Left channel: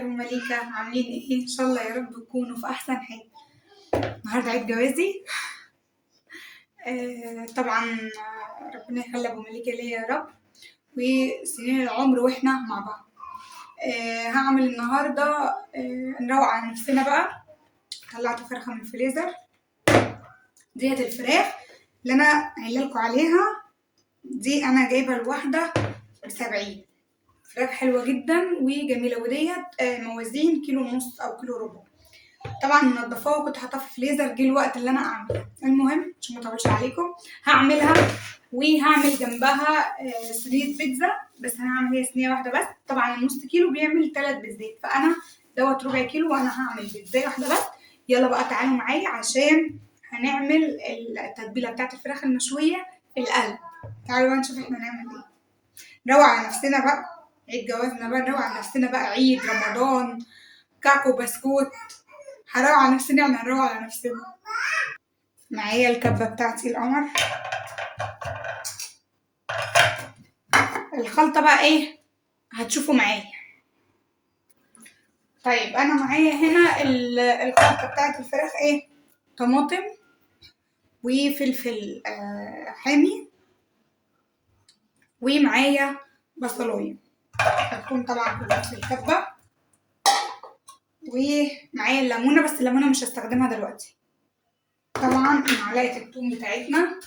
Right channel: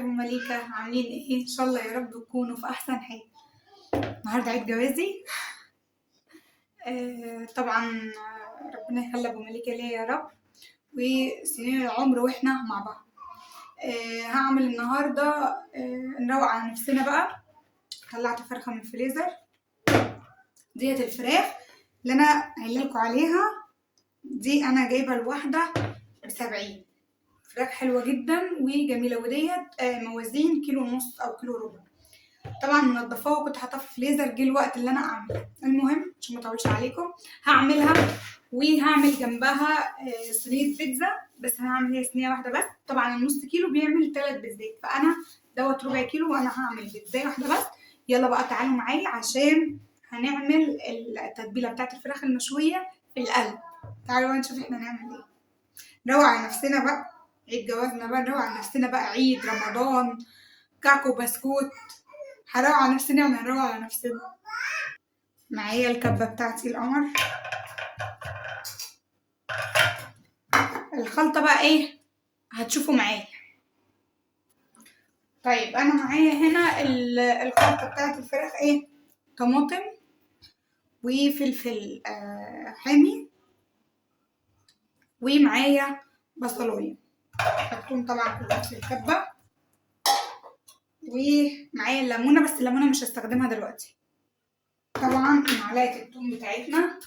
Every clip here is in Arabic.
مليكة عاملين ايه؟ ان شاء الله يا رب تكونوا في احسن حال. النهارده عيد جوازي. طبعا ربنا يخلي ابو مليكة ليا يا رب، وسنين العمر واحنا مع بعض. هعمل النهارده نروق على نفسنا بقى. طلعت فرخة من الفريزر، ديت الفراخ اللي انا قايله لكم عليها. دي انا جايبه الواحده ب70. فراخ حلوه جدا وجميله، وديت موازين كيلو ونص او كيلو ربع. طبعا منضفاها وكنت حاطاها في فريزر، جه الوقت اللي انا اعملها. المهم عشان ما اطولش عليكم هعملها، وهعمل جنبها صينيه بيتزا. بس هعمل هي صينيه واحده بس. طبعا النص كيلو بيعمل 3 بيتزات، فانا دوت ربع كيلو وانا هعمل بيتزايه واحده بس. يلا بقى تعالوا معايا عشان هنعمل التتبيله بتاعت الفراخ المشويه في القلب. تعالوا بقى نشوف احنا هنعمل ايه. نروق على نفسنا بقى، عيد جوازنا بقى، نروق على نفسنا بقى، عيد رمضان، كعكو بسكوت. هنروق على نفسنا، يعني هنروق على نفسنا. معايا الكبة بتاعتي القمر. الخلطة بقى ايه هتشوفوا معايا. طيب انا معايا هنا الخلطة بتاعت الفراخ ايه: طماطم وفلفل حامي، ومعايا بصلاية هتكون طبعا كلها في الكبة، ومعايا الليمونة، بس الليمونة مش هستخدمها دلوقتي. طبعا معلقة الثوم بتاعتنا،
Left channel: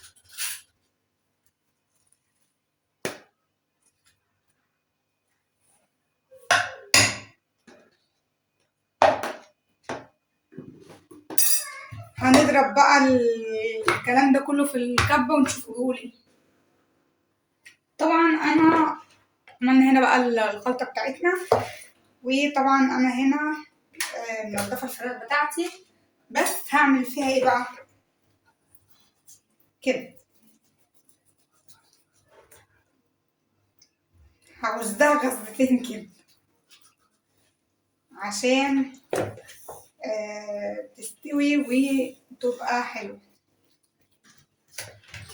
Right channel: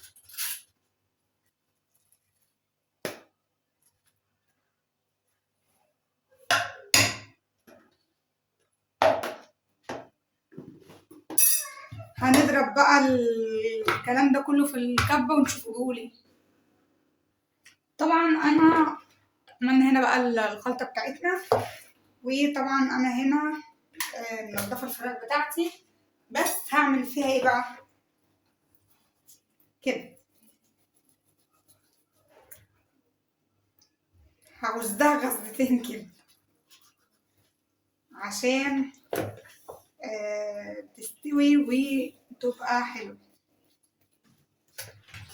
هنضرب بقى الكلام ده كله في الكبة ونشوف بيقول. طبعا انا عملنا هنا بقى الخلطة بتاعتنا، وطبعا انا هنا منضفة الفراخ بتاعتي. بس هعمل فيها ايه بقى كده. هغزها غزتين كده عشان تستوي وتبقى حلوة.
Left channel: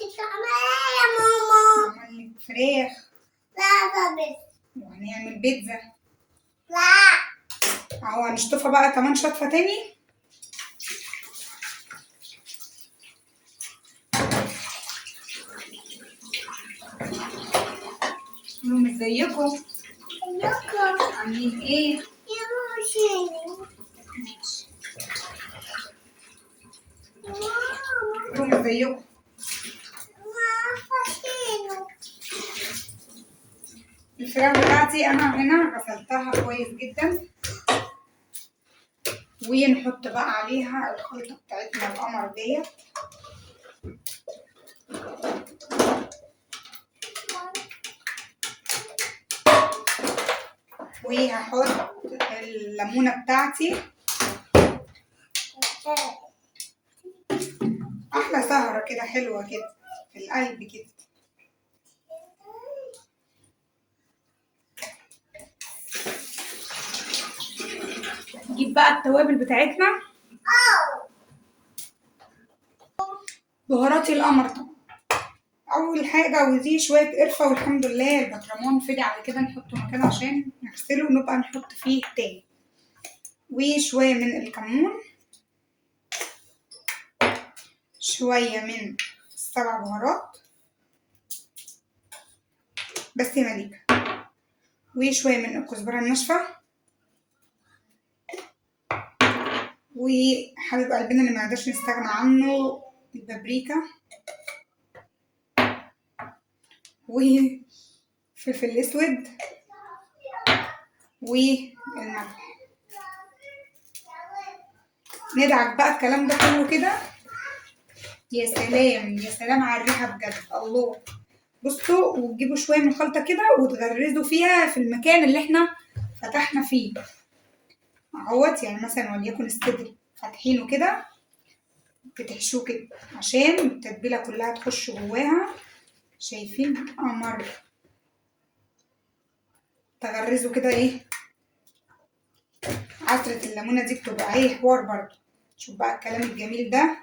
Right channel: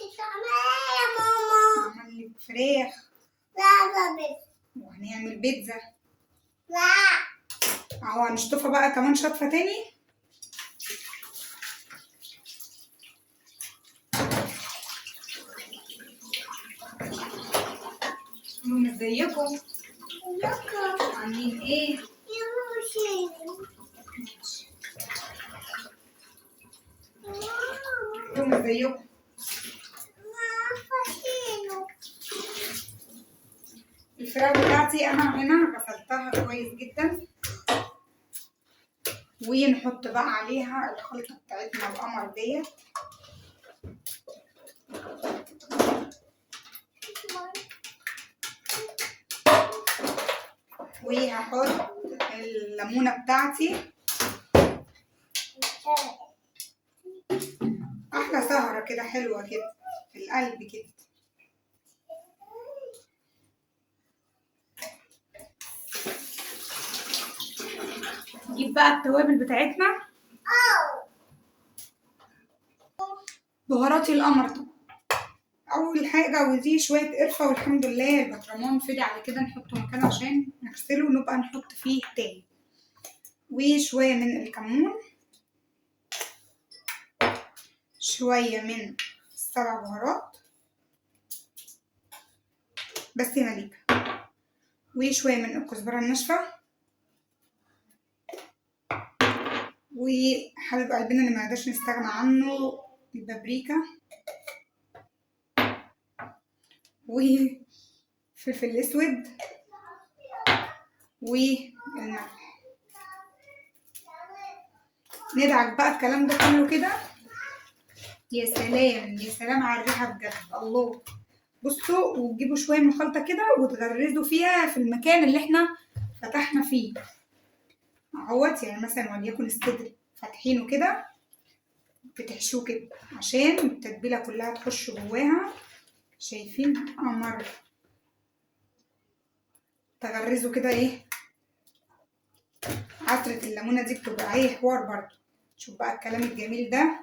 يا ماما هعمل فراخ. لا بس وهنعمل بيتزا. لا اهو هنشطفها بقى كمان شطفة تاني. ازيكم عاملين ايه؟ يا ماما ازيكم. الفراخ بتاعتي انا هنا غسلتها كويس جدا، ونحط بقى عليها الخلطة بتاعتنا القمر ديت. وهحط الليمونة بتاعتي. احلى سهرة كده حلوة كده في القلب كده. نجيب بقى التوابل بتاعتنا. بهاراتي القمر طبعا اول حاجة، ودي شوية قرفة، والحمد لله البطرمان فضي على كده نحطه مكانه عشان نغسله ونبقى نحط فيه تاني. وشوية من الكمون، شوية من السبع بهارات بس يا مليكة، وشوية من الكزبرة الناشفة، وحبيب قلبنا اللي منقدرش نستغنى عنه البابريكا، وفلفل الاسود، والملح. ندعك بقى الكلام ده كله كده. يا سلام يا سلام على الريحة بجد، الله. بصوا، وتجيبوا شوية من الخلطة كده وتغرزوا فيها في المكان اللي احنا فتحنا فيه اهوت. يعني مثلا وليكن الصدر فاتحينه كده، بتحشوه كده عشان التتبيلة كلها تخش جواها. شايفين قمر؟ تغرزوا كده ايه. عصرة الليمونة دي بتبقى ايه حوار برضه. شوف بقى الكلام الجميل ده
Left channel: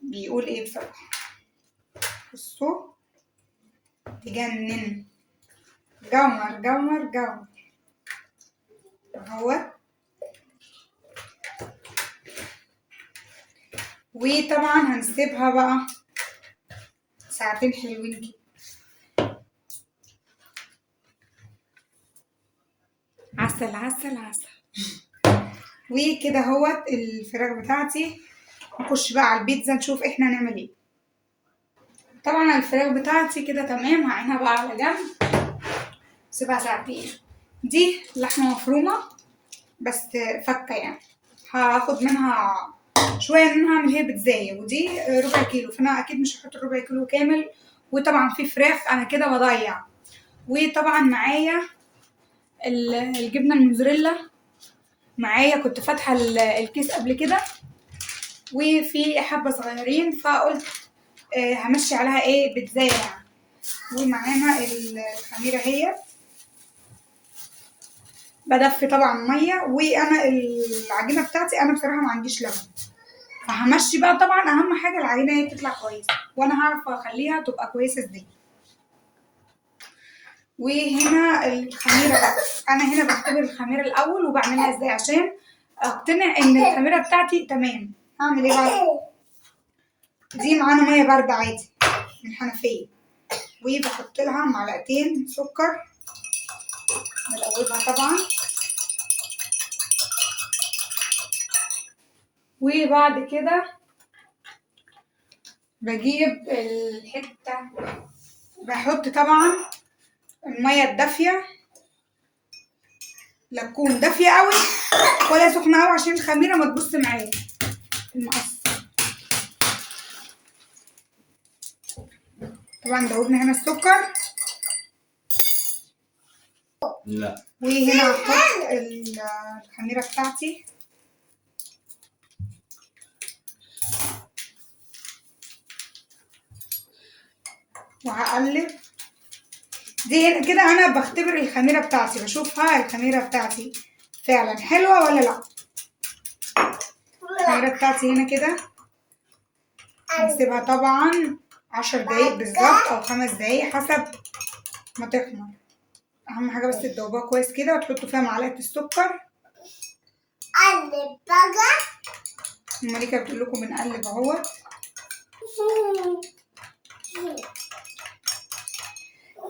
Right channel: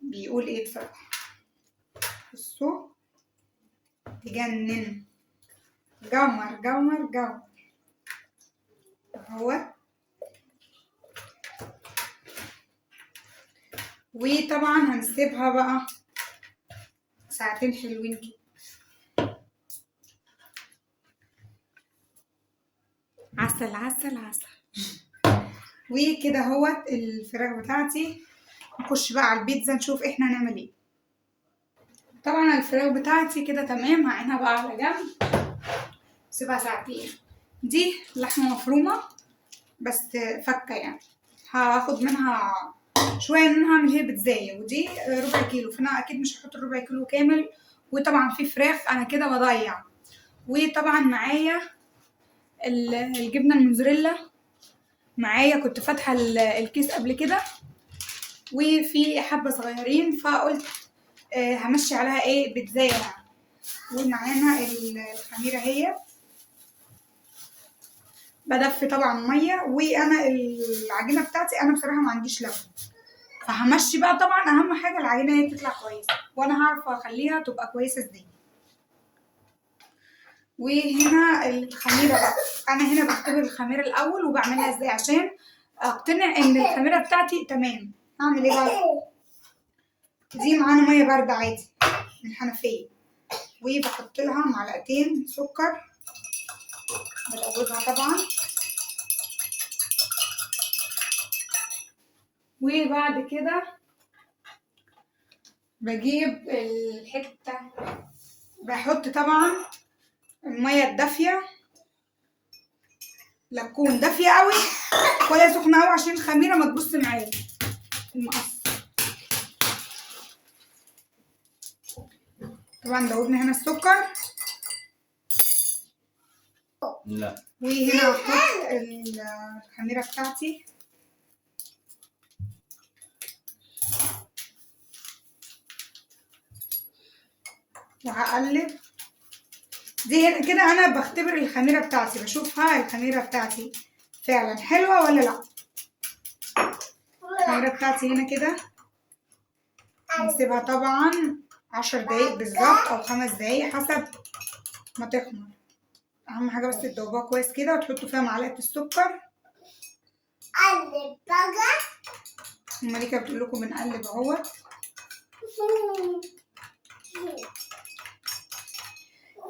بيقول ايه بصراحة. بصوا تجنن، جمر جمر جمر. اهوت. وطبعا هنسيبها بقى ساعتين حلوين كده. عسل عسل عسل. وكده اهوت الفراخ بتاعتي. نخش بقى على البيتزا نشوف احنا هنعمل ايه. طبعا الفراخ بتاعتي كده تمام، هعينها بقى على جنب، سيبها ساعتين. دي لحمه مفرومه بس فكه يعني، هاخد منها شويه ان انا هعمل هي بيتزايه، ودي ربع كيلو، فانا اكيد مش هحط الربع كيلو كامل. وطبعا في فراخ انا كده بضيع. وطبعا معايا الجبنه الموزاريلا، معايا كنت فاتحه الكيس قبل كده، وفي حبه صغيرين فقلت همشي عليها ايه بيتزايه يعني. ومعانا الخميره هي، بدفي طبعا ميه. وانا العجينه بتاعتي انا بصراحه ما عنديش لبن، فهمشي بقى. طبعا اهم حاجه العجينه هي تطلع كويسه، وانا هعرف اخليها تبقى كويسه ازاي. وهنا الخميره بقى، انا هنا بختبر الخميره الاول وبعملها ازاي عشان اقتنع ان الخميره بتاعتي تمام. هعمل ايه بقى؟ دي معانا ميه بارده عادي من الحنفيه، وبحط لها معلقتين سكر، بدوبها طبعا. وبعد كده بجيب الحته، بحط طبعا الميه الدافيه، لا تكون دافيه قوي ولا سخنه قوي عشان الخميره ما تبص معايا المقص. طبعا دوبنا هنا السكر. لا. وهنا هحط الخميره بتاعتي، وهقلب. دي هنا كده انا بختبر الخميره بتاعتي، بشوفها الخميره بتاعتي فعلا حلوه ولا لا. الخميره بتاعتي هنا كده هنسيبها طبعا 10 دقايق بالظبط او 5 دقايق حسب ما تخمر. اهم حاجه بس تدوبوها كويس كده، وتحطوا فيها معلقه السكر. قلب بقى. مالكه بتقول لكم بنقلب اهوت.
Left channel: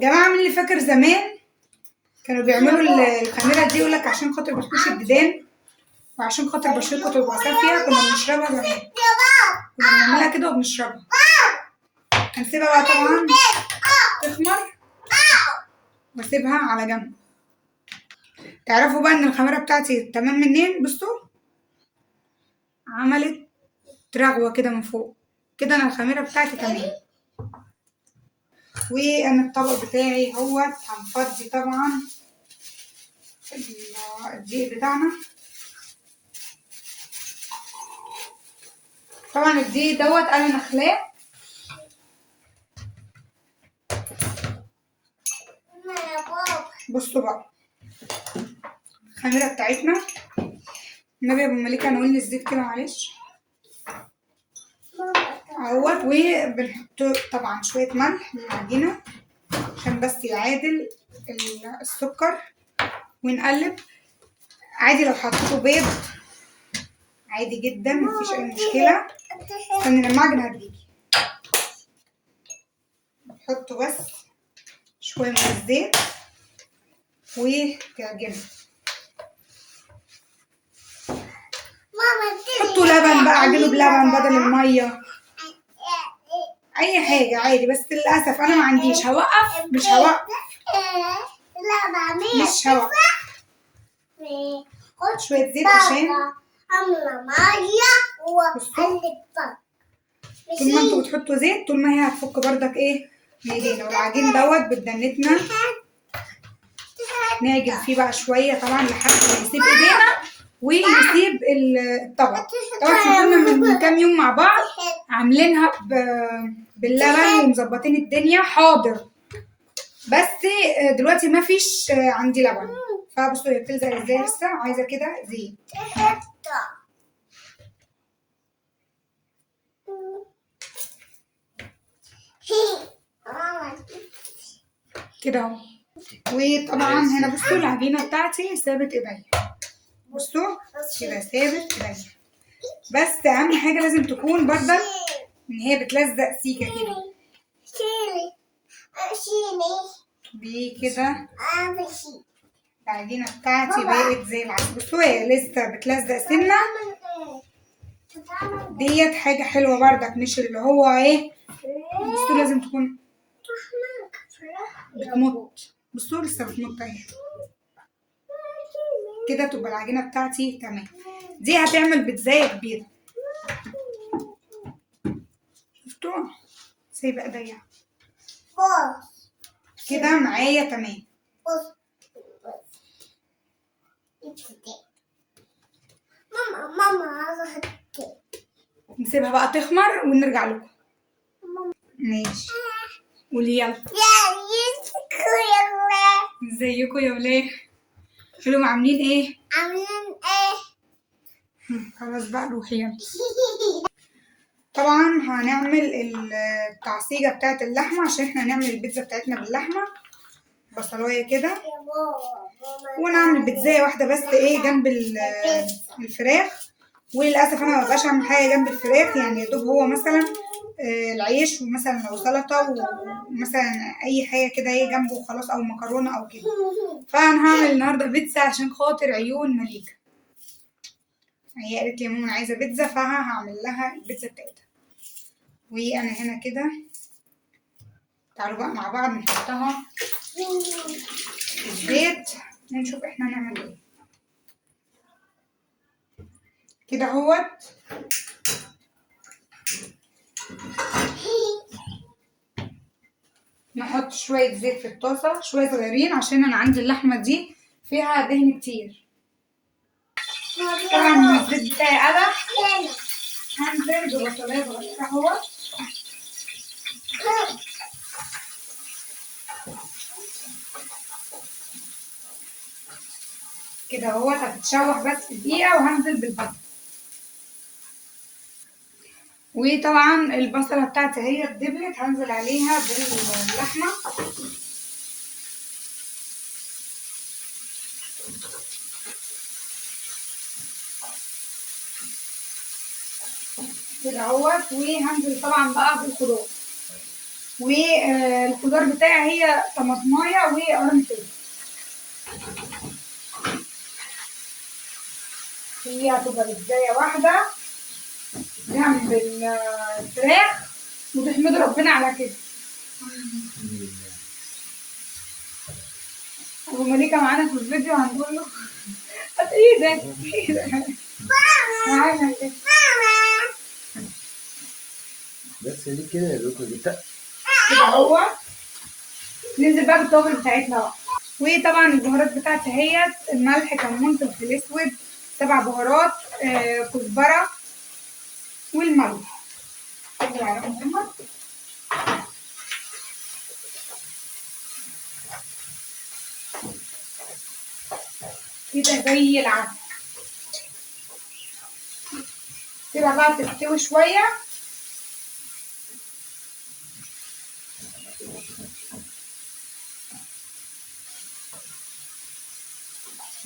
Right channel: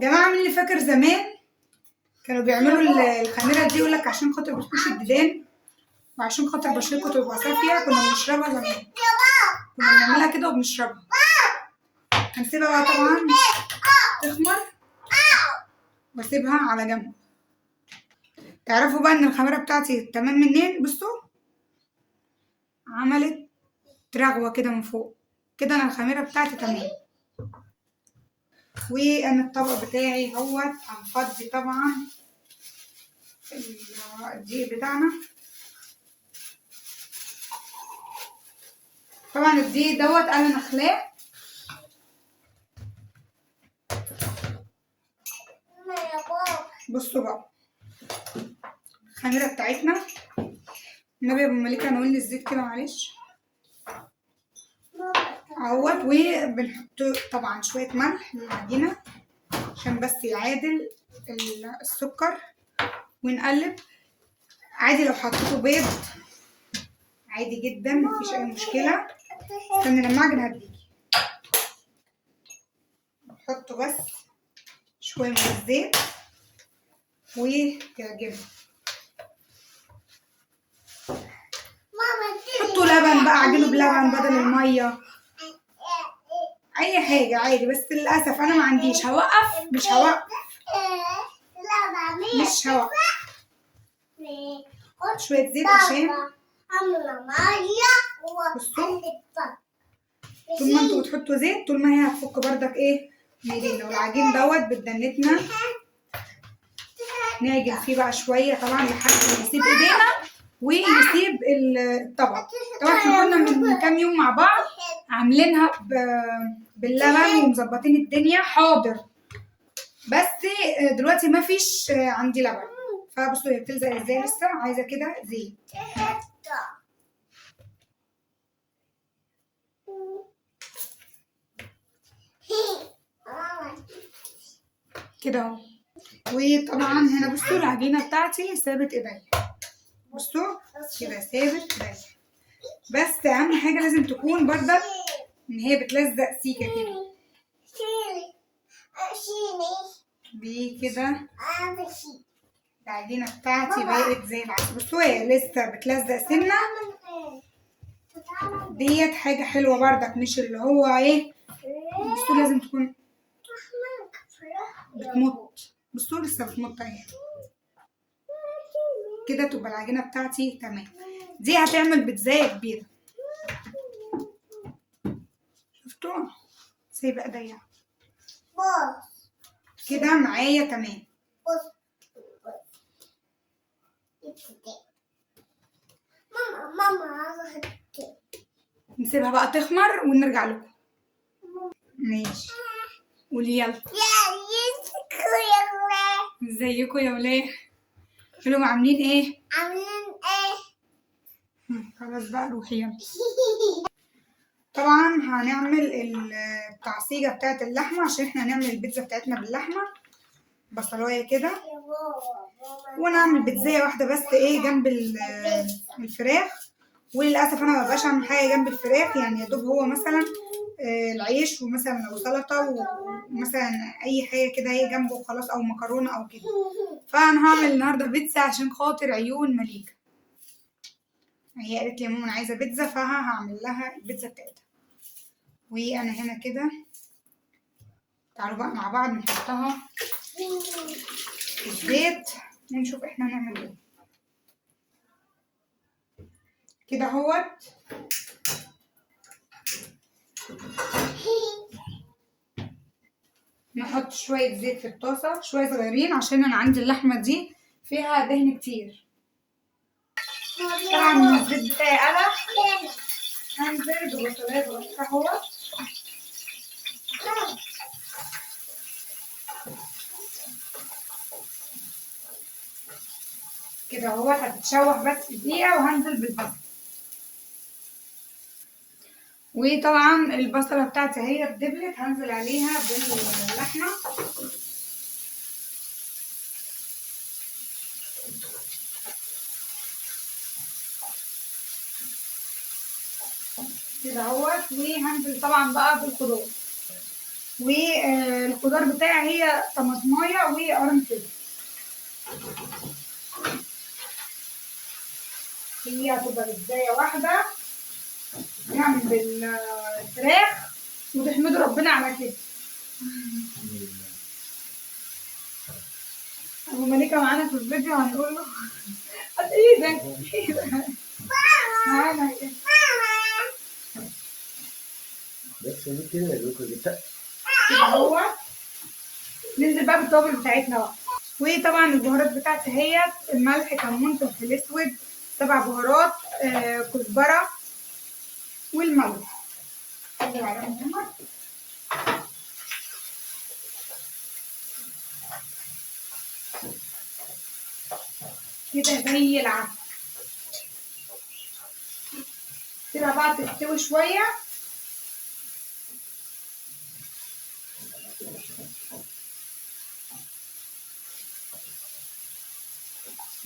جماعه من اللي فاكر زمان كانوا بيعملوا الخميره دي يقول لك عشان خاطر بتخش الديدان وعشان خاطر بشرتكم تبقى صافيه، كنا بنشربها زمان، كنا بنعملها كده وبنشربها. هنسيبها بقى طبعا تخمر واسيبها على جنب. تعرفوا بقى ان الخميره بتاعتي تمام منين؟ بصوا عملت رغوه كده من فوق كده، انا الخميره بتاعتي تمام. وانا الطبق بتاعي اهوت هنفضي طبعا الدقيق بتاعنا. طبعا الدقيق دوت انا نخلاه. بصوا بقى الخميره بتاعتنا، النبي يا ابو مليكه نقول لي الزيت كده معلش اهوت. وبنحط طبعا شويه ملح للعجينه عشان بس يعادل السكر، ونقلب. عادي لو حطيتوا بيض عادي جدا مفيش اي مشكله. استني لما اعجن هتجيلي. نحطوا بس شويه من الزيت وتعجنوا. حطوا لبن بقى، عجنوا بلبن بدل الميه، اي حاجه عادي. بس للاسف انا ما عنديش، هوقف مش هوقف مش هوقف. شويه زيت عشان بصوا طول ما انتوا بتحطوا زيت طول ما هي هتفك بردك ايه من ايدينا. والعجين دوت بدنتنا نعجن فيه بقى شويه طبعا لحد ما يسيب ايدينا ويسيب الطبق. طبعا احنا كنا من كام يوم مع بعض عاملينها باللبن ومظبطين الدنيا حاضر، بس دلوقتي ما فيش عندي لبن. فبصوا هي بتلزق ازاي، لسه عايزه كده زيت كده اهو. وطبعا هنا بصوا العجينه بتاعتي سابت ايديا. بصوا كده ثابت كده. بس اهم حاجه لازم تكون برضك ان هي بتلزق سيكه كده كده. العجينه بتاعتي بقت زي العسل. بصوا هي لسه بتلزق سنه ديت، حاجه حلوه برضك، مش اللي هو ايه. بصوا لازم تكون بتمط. بصوا لسه بتمط اهي كده، تبقى العجينه بتاعتي تمام. دي هتعمل بيتزايه كبيره. شفتوا سايبه ايديا كده معايا تمام. ماما نسيبها بقى تخمر ونرجع لكم. ماشي قولي يلا. ازيكم يا ولاد؟ قولوا عاملين ايه؟ عاملين ايه؟ خلاص بقى روحي يلا. طبعا هنعمل التعصيجة بتاعت اللحمة عشان احنا هنعمل البيتزا بتاعتنا باللحمة. بصلاية كده، ونعمل بيتزاية واحدة بس ايه جنب الفراخ. وللأسف انا مبقاش اعمل حاجة جنب الفراخ، يعني يا دوب هو مثلا العيش، ومثلا لو سلطة ومثلا اي حاجة كده ايه جنبه وخلاص، او مكرونة او كده. فانا هعمل النهاردة بيتزا عشان خاطر عيون مليكة. هي قالت لي يا ماما انا عايزة بيتزا، فهعمل لها البيتزا بتاعتها. وانا هنا كده، تعالوا بقى مع بعض نحطها في الزيت ونشوف احنا هنعمل ايه. كده اهوت نحط شوية زيت في الطاسة، شوية صغيرين، عشان انا عندي اللحمة دي فيها دهن كتير. طبعا الزيت بتاعي قلع، هنزل ببصلاية صغيرة اهوت. كده اهوت هتتشوح بس دقيقة، وهنزل بالبصل. وطبعا البصلة بتاعتي هي اتدبلت، هنزل عليها باللحمة. كده اهوت، وهنزل طبعا بقى بالخضار. والخضار بتاعي هي طماطمايه وقرن فلفل. هي هتبقى بيتزاية واحدة جنب الفراخ، وتحمدوا ربنا على كده. ابو مليكة معانا في الفيديو، هنقول له هات ايدك معانا كده. بس ليه كده يا دكتور جبتها؟ كده هو ننزل بقى بالتوابل بتاعتنا بقى. وطبعا البهارات بتاعتي هي الملح، كمون، فلفل اسود، 7 بهارات، كزبرة، والملح. كده زي العسل. كده بقى تستوي شوية.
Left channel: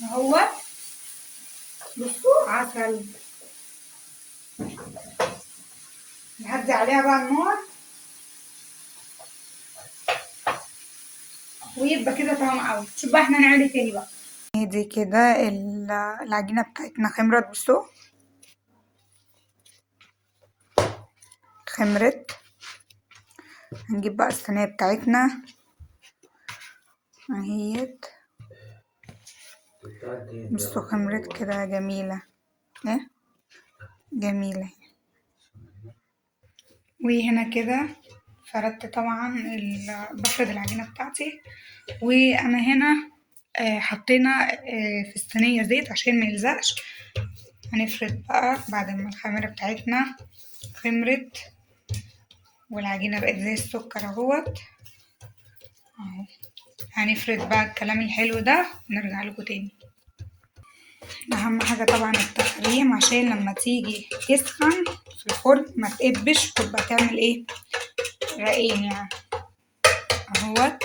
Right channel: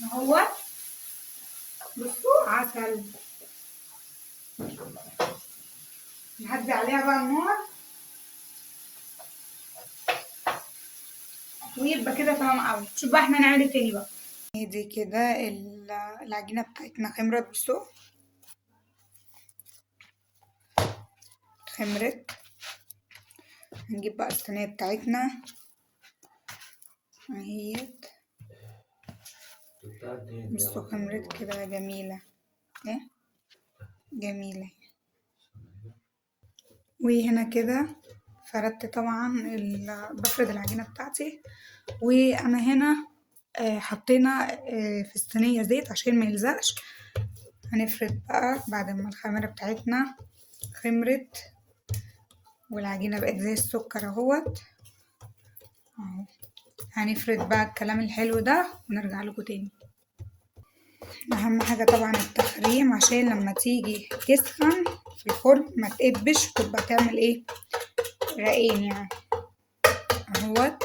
اهو بصوا عسل. نهدي عليها بقى النار، ويبقى كده تمام قوي. شوف بقى احنا هنعمل ايه تاني بقى. دي كده العجينة بتاعتنا خمرت. بصوا خمرت. هنجيب بقى الصينية بتاعتنا اهيت. بصوا خمرت كده جميلة ايه، جميلة. وهنا كده فردت طبعا بفرد العجينة بتاعتي. وانا هنا حطينا في الصينية زيت عشان ما يلزقش. هنفرد بقى بعد ما الخميرة بتاعتنا خمرت والعجينة بقت زي السكر اهوت اهو. هنفرد بقى الكلام الحلو ده ونرجع لكم تاني. اهم حاجة طبعا التخريم، عشان لما تيجي تسخن في الفرن ما تقبش، وتبقى تعمل ايه رقين يعني اهوت.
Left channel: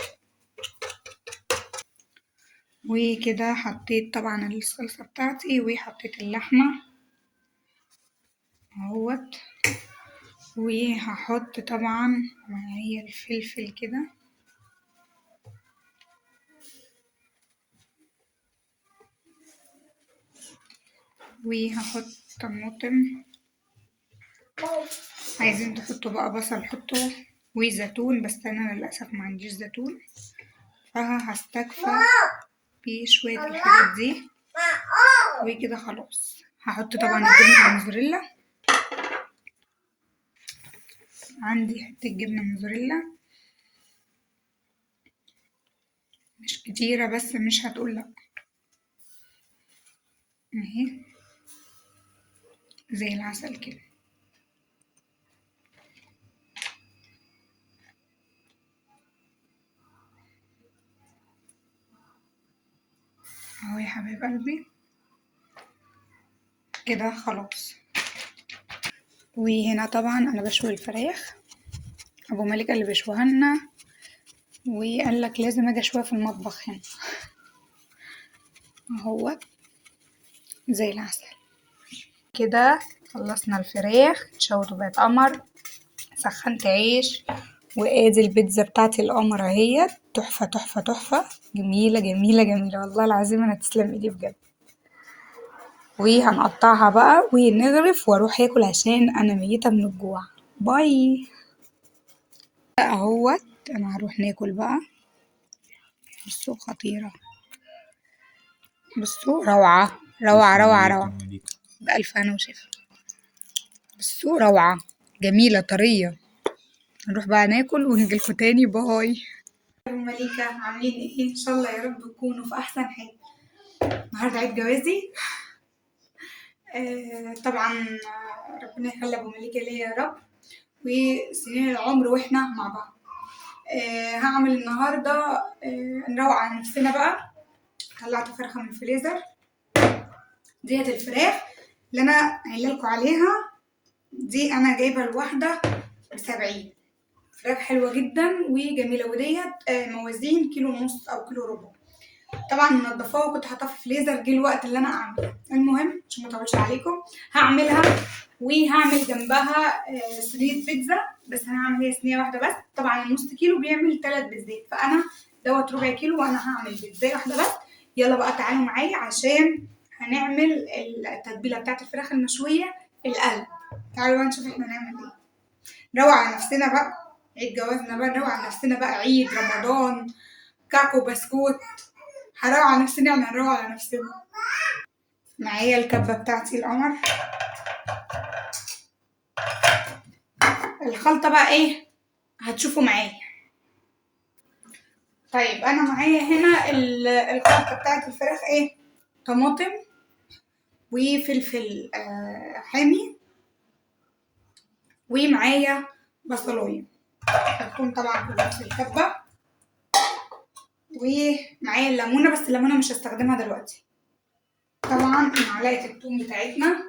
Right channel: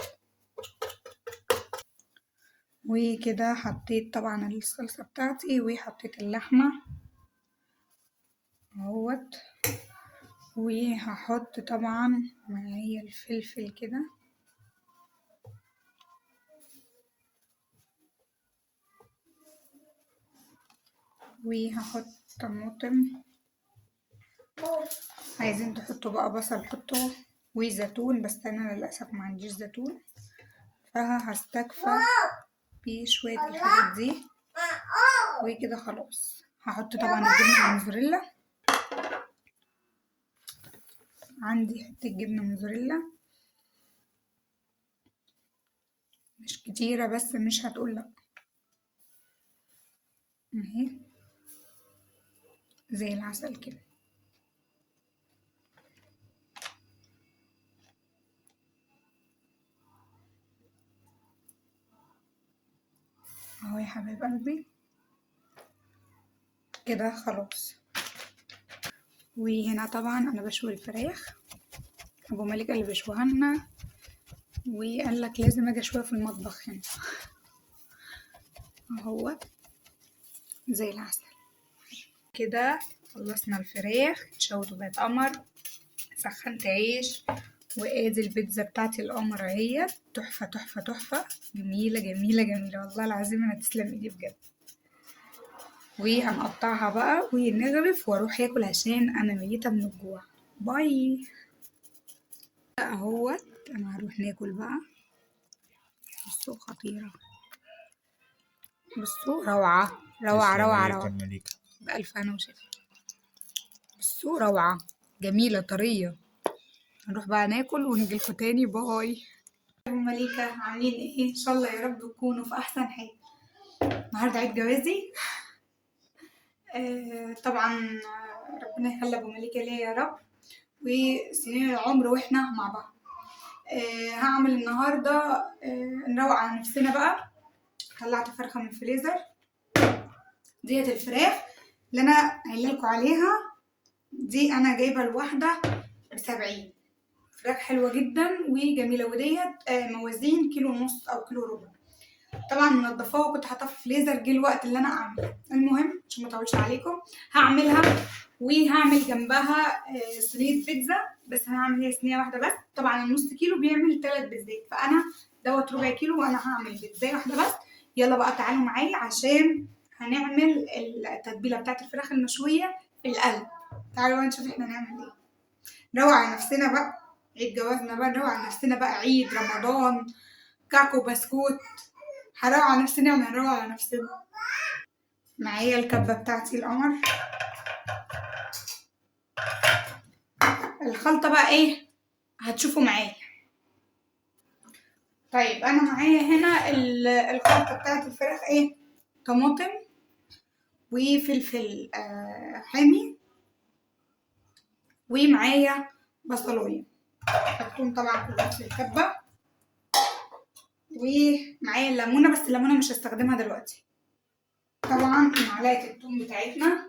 وكده حطيت طبعا الصلصة بتاعتي وحطيت اللحمة اهوت، وهحط طبعا معايا الفلفل كده، وهحط طماطم، عايزين تحطوا بقى بصل حطوا، وزيتون، بس انا للاسف ما عنديش زيتون فهستكفى بشوية الحاجات دي. وكده خلاص هحط طبعا الجبنة الموزاريلا، عندي حتة جبنة موزاريلا مش كتيرة بس مش هتقول لأ، اهي زي العسل كده. اهو يا حبايب قلبي كده خلاص. وهنا طبعا انا بشوي الفراخ، ابو مالك اللي بيشويها لنا وقال لك لازم اجي اشويها في المطبخ هنا اهوت زي العسل. كده خلصنا الفراخ اتشوت وبقت قمر، سخنت عيش، وادي البيتزا بتاعتي القمر اهيت، تحفة تحفة تحفة، جميلة جميلة جميلة والله العظيم، انا تسلم ايدي بجد. وهنقطعها بقى ونغرف واروح اكل عشان انا ميتة من الجوع. باي. اهوت انا هروح ناكل بقى. بصوا خطيرة، بصوا روعة روعة روعة روعة، بألف هنا وشفا. بصوا روعة جميلة طرية. نروح بقى ناكل ونجيلكوا تاني. باي. مليكة عاملين ايه؟ ان شاء الله يا رب تكونوا في احسن حال. النهارده عيد جوازي، طبعا ربنا يخلي ابو مليكة ليا يا رب، وسنين العمر واحنا مع بعض. هعمل النهارده نروق على نفسنا بقى. طلعت فرخة من الفريزر، ديت الفراخ اللي انا قايله لكم عليها دي، انا جايبه الواحده ب70. فراخ حلوه جدا وجميله، وديت موازين كيلو ونص او كيلو ربع. طبعا منضفاها وكنت حاطاها في الفريزر، جه الوقت اللي انا اعملها. المهم عشان ما اطولش عليكم هعملها، وهعمل جنبها صينيه بيتزا، بس انا هعمل هي صينيه واحده بس. طبعا النص كيلو بيعمل 3 بيتزات، فانا دوت ربع كيلو وانا هعمل بيتزا واحده بس. يلا بقى تعالوا معايا عشان هنعمل التتبيله بتاعت الفراخ المشويه في القلب. تعالوا بقى نشوف احنا هنعمل ايه. نروق على نفسنا بقى، عيد جوازنا بقى نروق على نفسنا بقى، عيد رمضان كاكو بسكوت، هنروق على نفسنا، هنروق على نفسنا. معايا الكبة بتاعتي القمر. الخلطة بقى ايه هتشوفوا معايا. طيب انا معايا هنا الخلطة بتاعت الفراخ ايه، طماطم وفلفل حامي، ومعايا بصلايه هتكون طبعا في نفس الكبة، ومعايا الليمونة، بس الليمونة مش هستخدمها دلوقتي. طبعا معلقة الثوم بتاعتنا،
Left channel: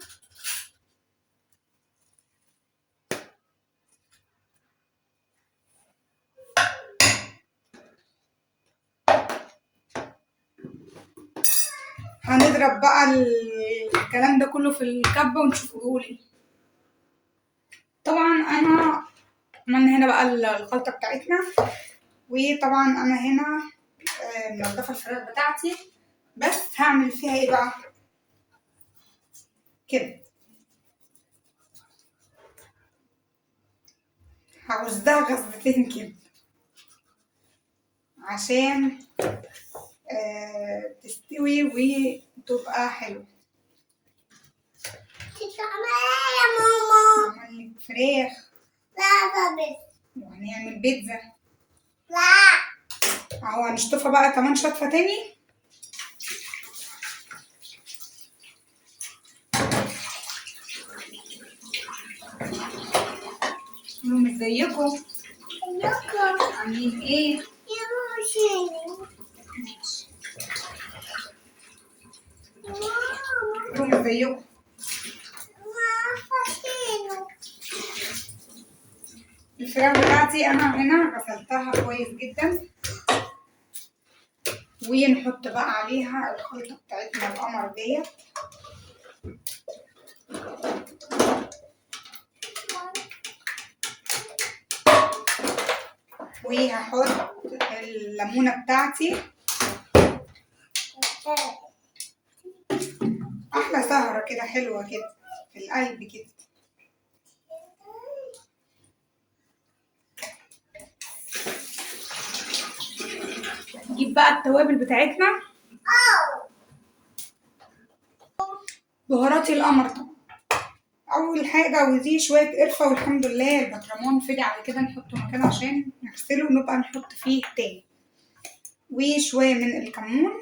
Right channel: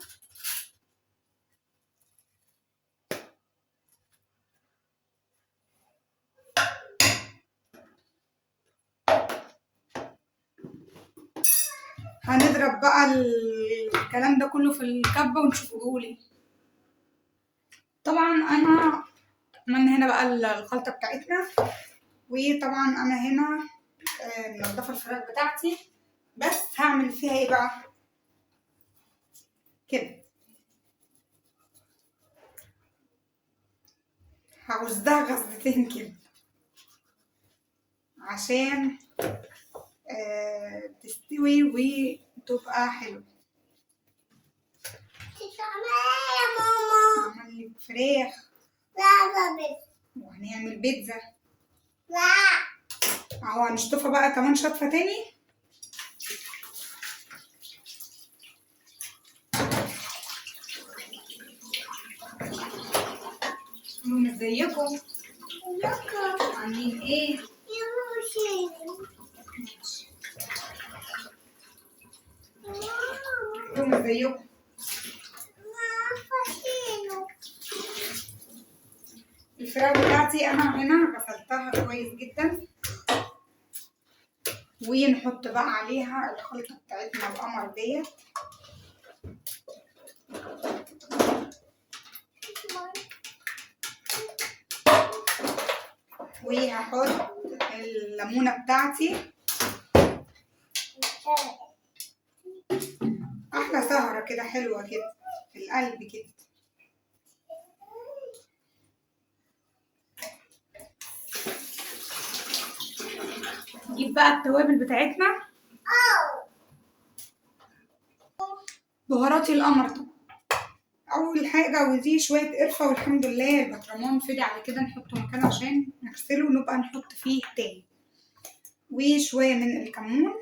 هنضرب بقى الكلام ده كله في الكبة ونشوفه بيقول. طبعا انا عملنا هنا بقى الخلطة بتاعتنا، وطبعا انا هنا منضفة الفراخ بتاعتي، بس هعمل فيها ايه بقى كده، هغزها غزتين كده عشان تستوي وتبقى حلوة. يا ماما. هعمل فراخ لا بس. وهنعمل بيتزا. لا. اهو هنشطفها بقى كمان شطفة تاني. ازيكم؟ عاملين ايه؟ يا ماما شيلي. ماشي. ازيكم؟ الفراخ بتاعتي انا هنا غسلتها كويس جدا، ونحط بقى عليها الخلطة بتاعتنا القمر ديت. وهحط الليمونة بتاعتي. احلى سهرة كده حلوة كده في القلب كده. نجيب بقى التوابل بتاعتنا. بهاراتي القمر طبعا. اول حاجة ودي شوية قرفة، والحمد لله البطرمان فضي على كده نحطه مكانه عشان نغسله ونبقى نحط فيه تاني. وشوية من الكمون،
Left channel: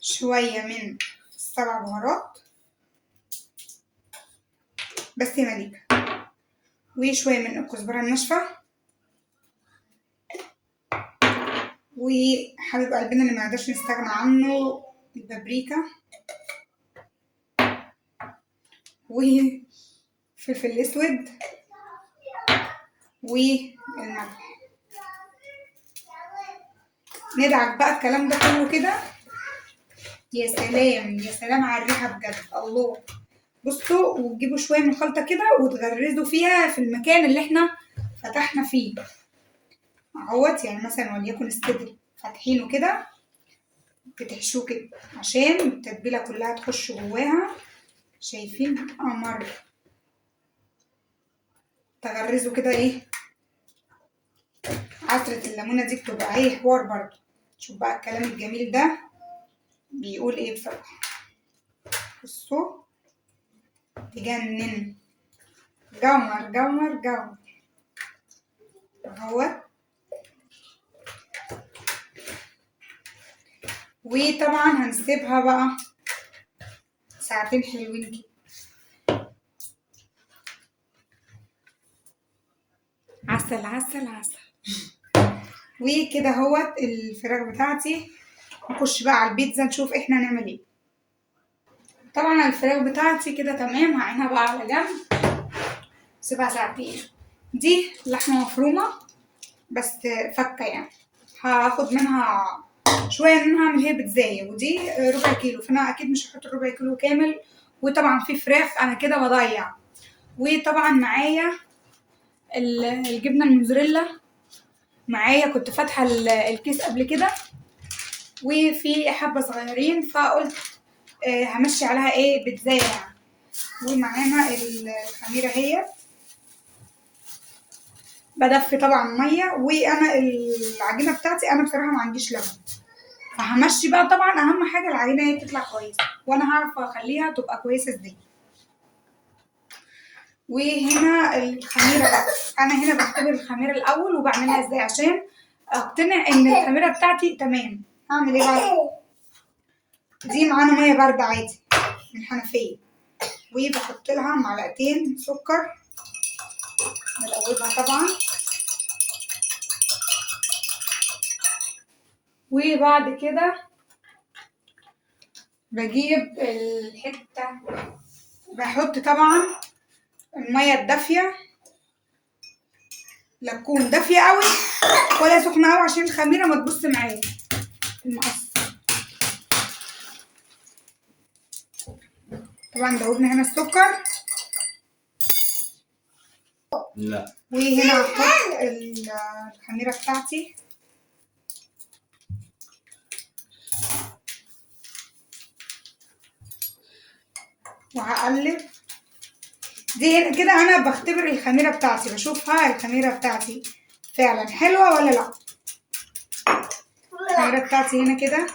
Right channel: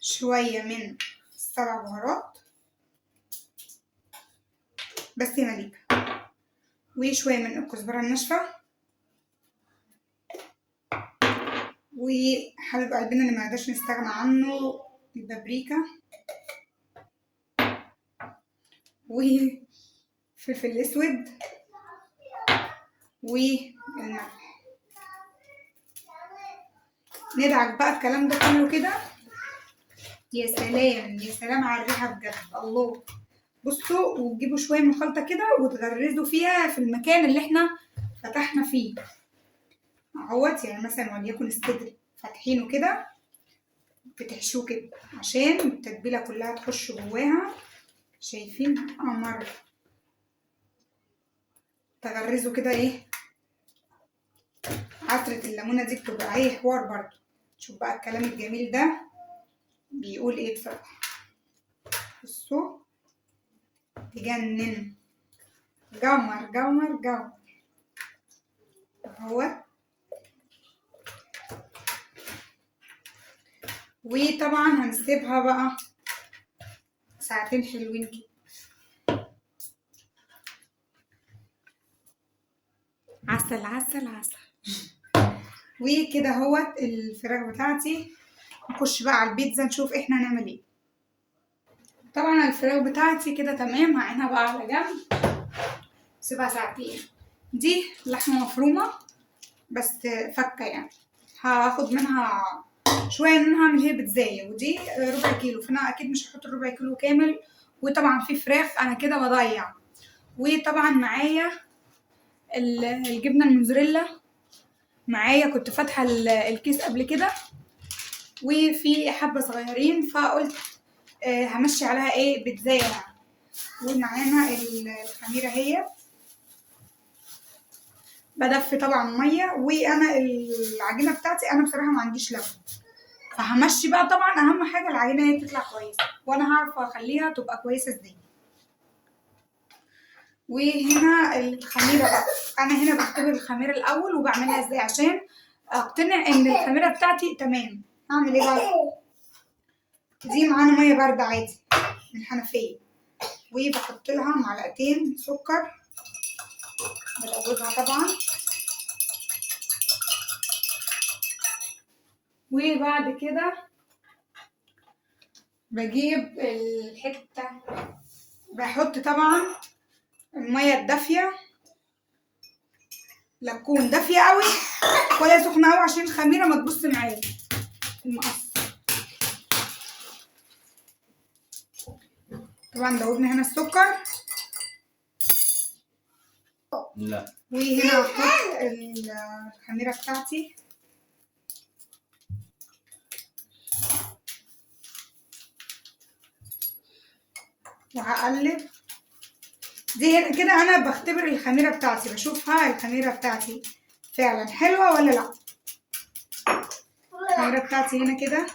شوية من السبع بهارات بس يا مليكة، وشوية من الكزبرة الناشفة، وحبيب قلبنا اللي منقدرش نستغنى عنه البابريكا، وفلفل اسود، والملح. ندعك بقى الكلام ده كله كده. يا سلام يا سلام على الريحة بجد، الله. بصوا، وتجيبوا شوية من الخلطة كده وتغرزوا فيها في المكان اللي احنا فتحنا فيه اهوت. يعني مثلا وليكن الصدر فاتحينه كده، بتحشوه كده عشان التتبيلة كلها تخش جواها. شايفين قمر؟ تغرزوا كده ايه. عطرة الليمونة دي بتبقى ايه حوار برضه. شوف بقى الكلام الجميل ده بيقول ايه بصراحة. بصوا تجنن، جمر جمر جمر اهوت. وطبعا هنسيبها بقى ساعتين حلوين كده. عسل عسل عسل. وكده اهوت الفراخ بتاعتي. نخش بقى على البيتزا نشوف احنا هنعمل ايه. طبعا الفراخ بتاعتي كده تمام، هعينها بقى على جنب سيبها ساعتين. دي لحمة مفرومة بس فكة يعني، هاخد منها شوية ان انا هعمل هي بيتزاية، ودي ربع كيلو، فانا اكيد مش هحط الربع كيلو كامل. وطبعا في فراخ انا كده بضيع. وطبعا معايا الجبنة الموزاريلا، معايا كنت فاتحة الكيس قبل كده وفي حبة صغيرين، فقلت همشي عليها ايه بيتزاية يعني. ومعانا الخميرة هي بدفي طبعا مية. وانا العجينة بتاعتي انا بصراحة ما عنديش لبن، فهمشي بقى. طبعا اهم حاجة العجينة هي تطلع كويسة، وانا هعرف اخليها تبقى كويسة ازاي. وهنا الخميرة بقى، انا هنا بختبر الخميرة الاول وبعملها ازاي عشان اقتنع ان الخميرة بتاعتي تمام. هعمل ايه بقى؟ دي معانا مية باردة عادي من الحنفية، وبحط لها معلقتين سكر بدوبها طبعا. وبعد كده بجيب الحتة، بحط طبعا المية الدافية، لا تكون دافية قوي ولا سخنة قوي عشان الخميرة ما تبص معايا المقص. طبعا دوبنا هنا السكر. لا. وهنا هحط الخميرة بتاعتي وهقلب. دي هنا كده انا بختبر الخميرة بتاعتي، بشوفها الخميرة بتاعتي فعلا حلوة ولا لا. الخميرة بتاعتي هنا كده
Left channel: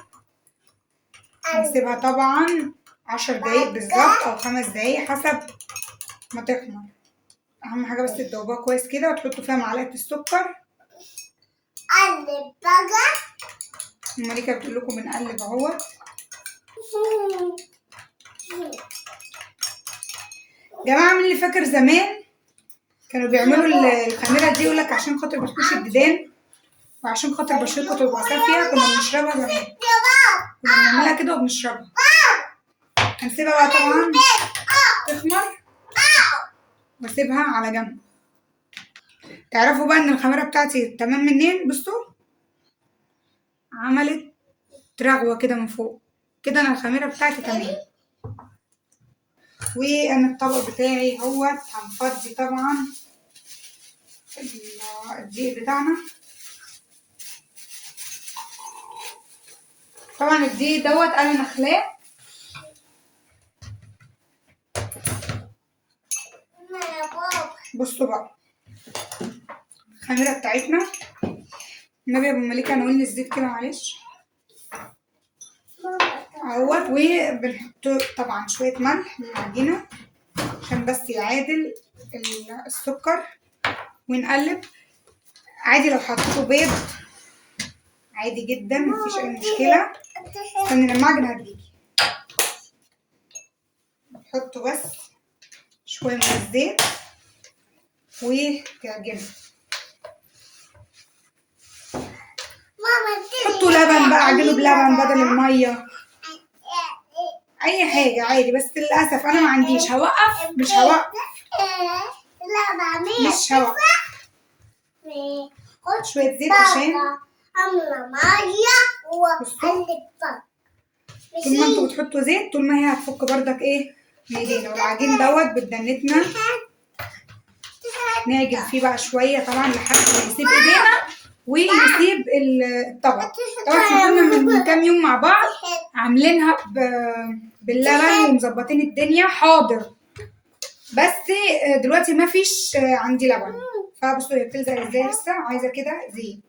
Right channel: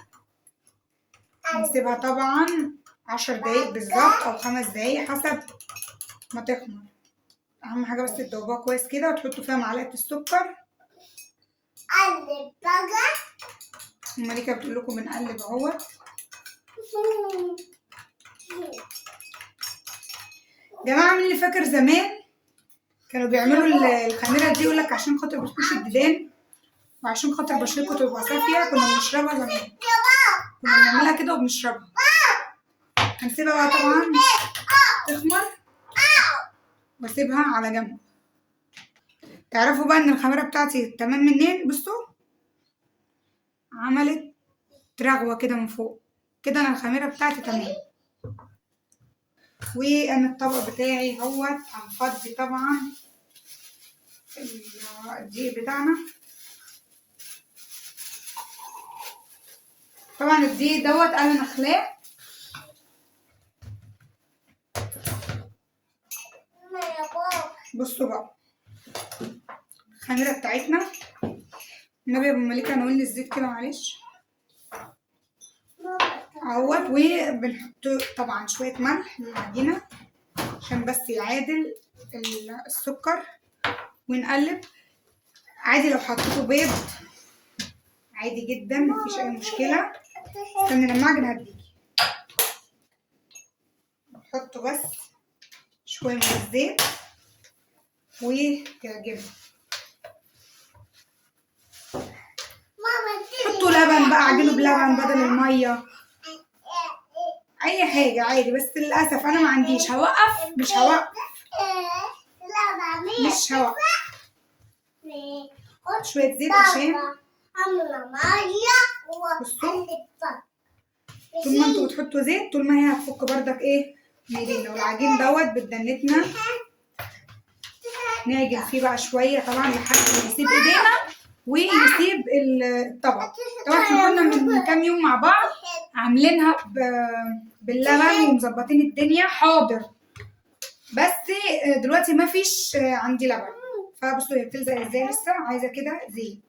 هنسيبها طبعا 10 دقايق بالظبط او 5 دقايق حسب ما تخمر. اهم حاجة بس تدوبوها كويس كده وتحطوا فيها معلقة السكر. قلب بقى. مالكة بتقول لكم بنقلب اهوت. جماعة من اللي فاكر زمان كانوا بيعملوا الخميرة دي يقولك عشان خاطر بتخش الديدان وعشان خاطر بشرتكم تبقى صافية. كنا بنشربها زمان، كنا بنعملها كده وبنشربها. هنسيبها بقى طبعا تخمر واسيبها على جنب. تعرفوا بقى ان الخميرة بتاعتي تمام منين؟ بصوا عملت رغوة كده من فوق. كده انا الخميرة بتاعتي تمام. وانا الطبق بتاعي اهوت هنفضي طبعا الدقيق بتاعنا. طبعا الدقيق دوت انا نخلاه. بصوا بقى الخميرة بتاعتنا. النبي يا ابو مليكة نقول الزيت كده معلش اهوت. وبنحط طبعا شوية ملح للعجينة عشان بس يعادل السكر، ونقلب. عادي لو حطيتوا بيض عادي جدا مفيش اي مشكلة. استني لما اعجن هديكي. نحطوا بس شوية من الزيت وتعجنوا. حطوا لبن بقى، اعجنوا بلبن بدل المية، اي حاجة عادي. بس للأسف انا ما عنديش. هوقف مش هوقف مش هوقف. شوية زيت عشان بصوا طول ما انتوا بتحطوا زيت طول ما هي هتفك بردك ايه بايدينا. والعجين دوت بدنتنا نعجن فيه بقى شوية طبعا لحد ما يسيب ايدينا ويسيب الطبق. طبعا احنا كنا من كام يوم مع بعض عاملينها باللبن ومظبطين الدنيا حاضر، بس دلوقتي ما فيش عندي لبن. فبصوا هي بتلزق ازاي. لسه عايزه كده زيت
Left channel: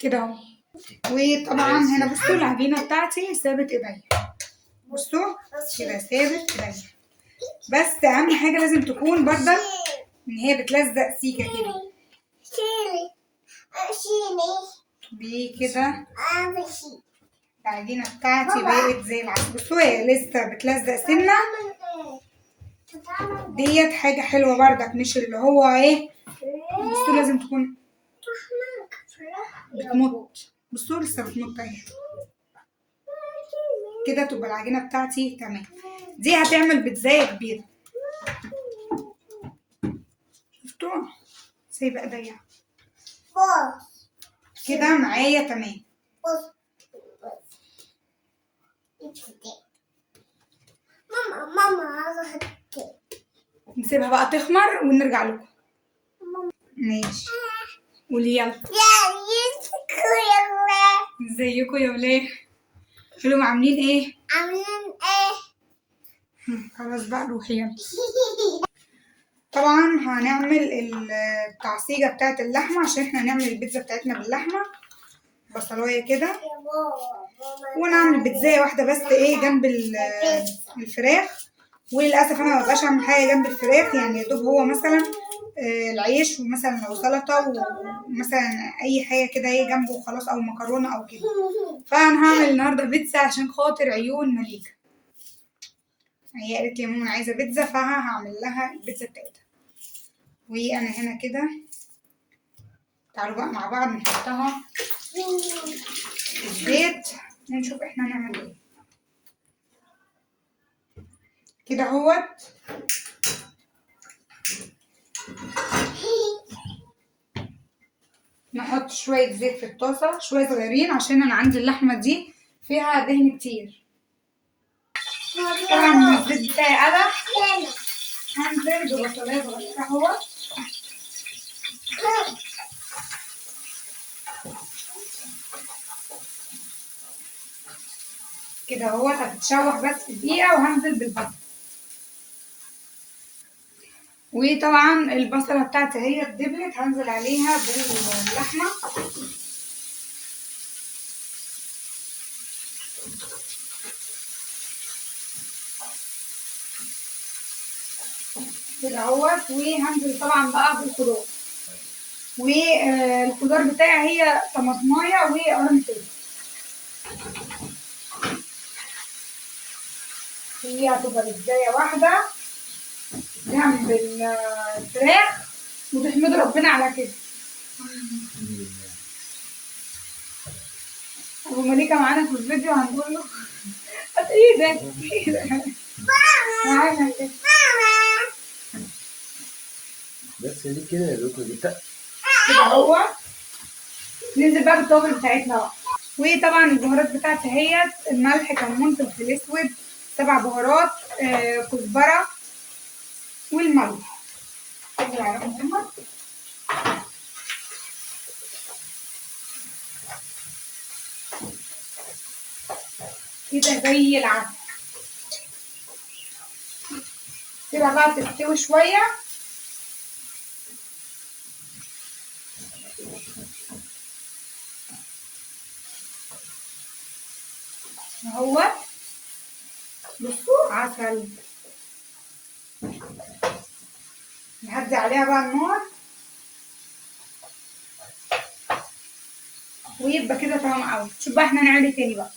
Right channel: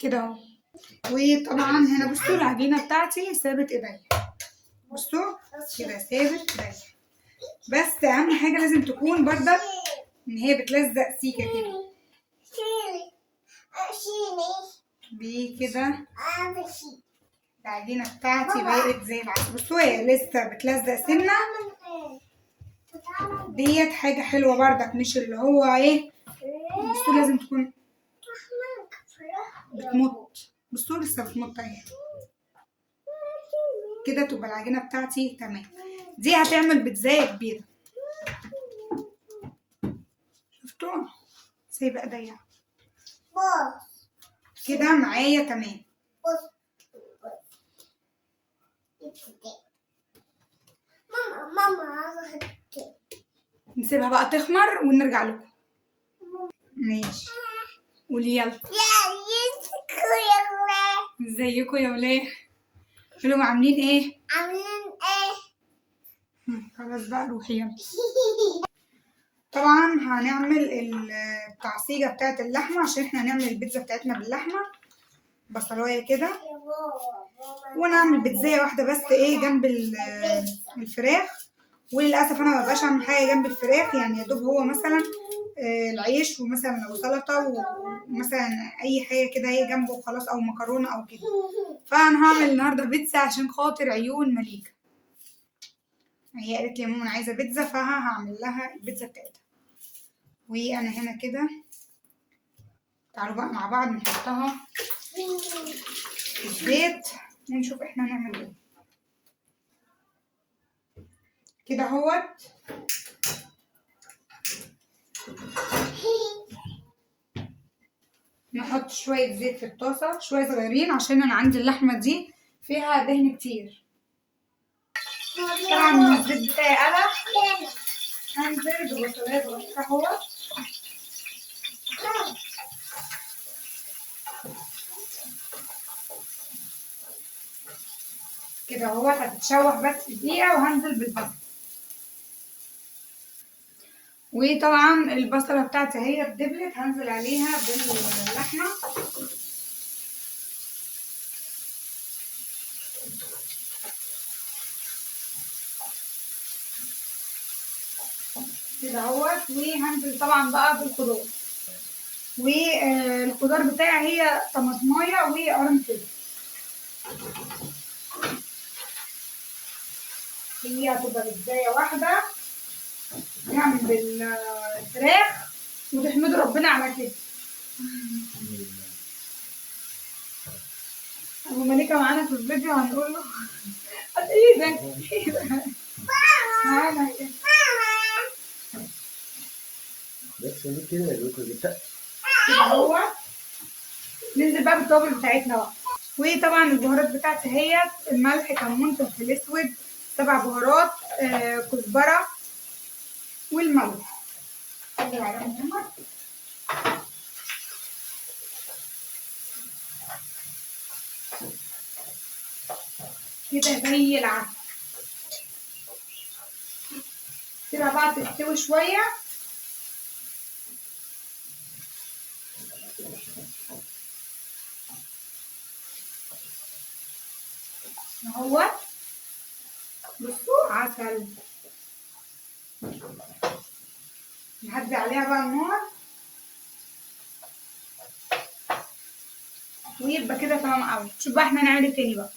كده اهو. وطبعا هنا بصوا العجينه بتاعتي سابت ايديا. بصوا كده سابت ايديا. بس اهم حاجه لازم تكون بردك ان هي بتلزق سيكه كده كده. العجينه بتاعتي بقت زي العسل. بصوا هي لسه بتلزق سنه. ديت حاجه حلوه بردك مش اللي هو ايه. بصوا لازم تكون بتمط. بصوا لسه بتمط اهي كده. تبقى العجينه بتاعتي تمام. دي هتعمل بيتزاية كبيره. شفتوا سايبه ايديا كده معايا تمام. ماما نسيبها بقى تخمر ونرجع لكم. ماشي قولي يلا. ازيكم يا ولاد؟ قولوا عاملين ايه؟ خلاص بقى روحي يلا. طبعا هنعمل التعصيجة بتاعت اللحمة عشان احنا هنعمل البيتزا بتاعتنا باللحمة. بصلاية كده ونعمل بيتزاية واحدة بس ايه جنب الفراخ. وللأسف انا مبقاش اعمل حاجة جنب الفراخ، يعني يدوب هو مثلا العيش ومثلا لو سلطة ومثلا اي حاجة كده ايه جنبه وخلاص، او مكرونة او كده. فانا هعمل النهاردة بيتزا عشان خاطر عيون مليكة. هي قالت لي يا ماما انا عايزة بيتزا فهعمل لها البيتزا بتاعتها. وانا هنا كده تعالوا بقى مع بعض نحطها في الزيت ونشوف احنا هنعمل ايه. كده اهوت نحط شوية زيت في الطاسة شوية صغيرين عشان انا عندي اللحمة دي فيها دهن كتير. طبعا الزيت بتاعي قلب. هنزل ببصلاية صغيرة اهوت كده اهوت هتتشوح بس دقيقة وهنزل بالبصل. وطبعا البصلة بتاعتي هي اتدبلت هنزل عليها باللحمة. كده اهوت. وهنزل طبعا بقى بالخضار. والخضار بتاعي هي طماطمايه وقرن فلفل. هي هتبقى بيتزاية واحدة جنب الفراخ وتحمد ربنا على كده. ابو مليكة معانا في الفيديو هنقول له هات ايدك. معانا كده. بس ليه كده يا لوكا جبتها؟ كده هو ننزل بقى بالتوابل بتاعتنا بقى. وطبعا البهارات بتاعتي اهيت: الملح، كمون، فلفل اسود، 7 بهارات، كزبره، والملح. كده على محمد. كده زي العسل. سيبها بقى تستوي شويه. اهو بصوا عسل. نهدي عليها بقى النار ويبقى كده تمام قوي. شوف بقى احنا نعمل تاني بقى.